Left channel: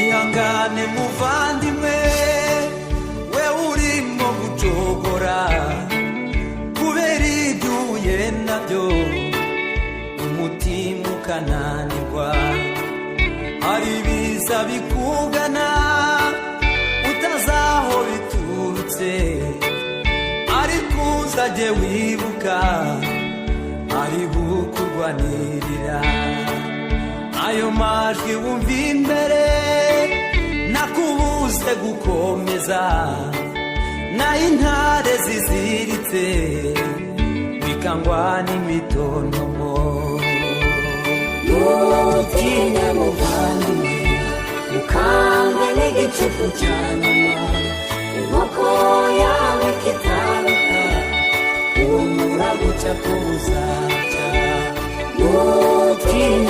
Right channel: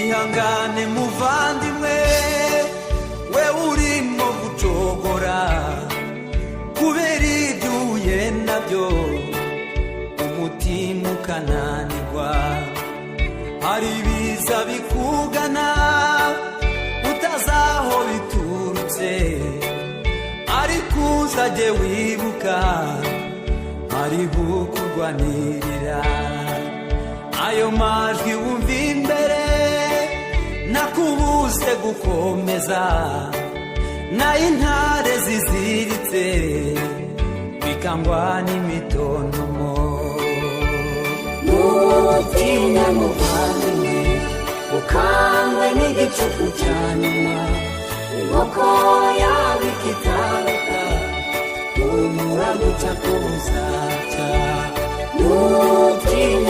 ihangane muvandimwe we urimo gucogora kubera ibyuye nabyo umutima ukananirwa hari ibiza bikugana utazaho biturutse ariko uzajye wibuka hariho kurwanirira ayo majwi wumva imbere nakubuze gukomeza n'intare ziziritse bikangwa n'imitontomo ntutinye muvandimwe ukangwe n'igicuku cya nyuma inkoko yawe ikitaruka umura guca ko buzacya ntutinye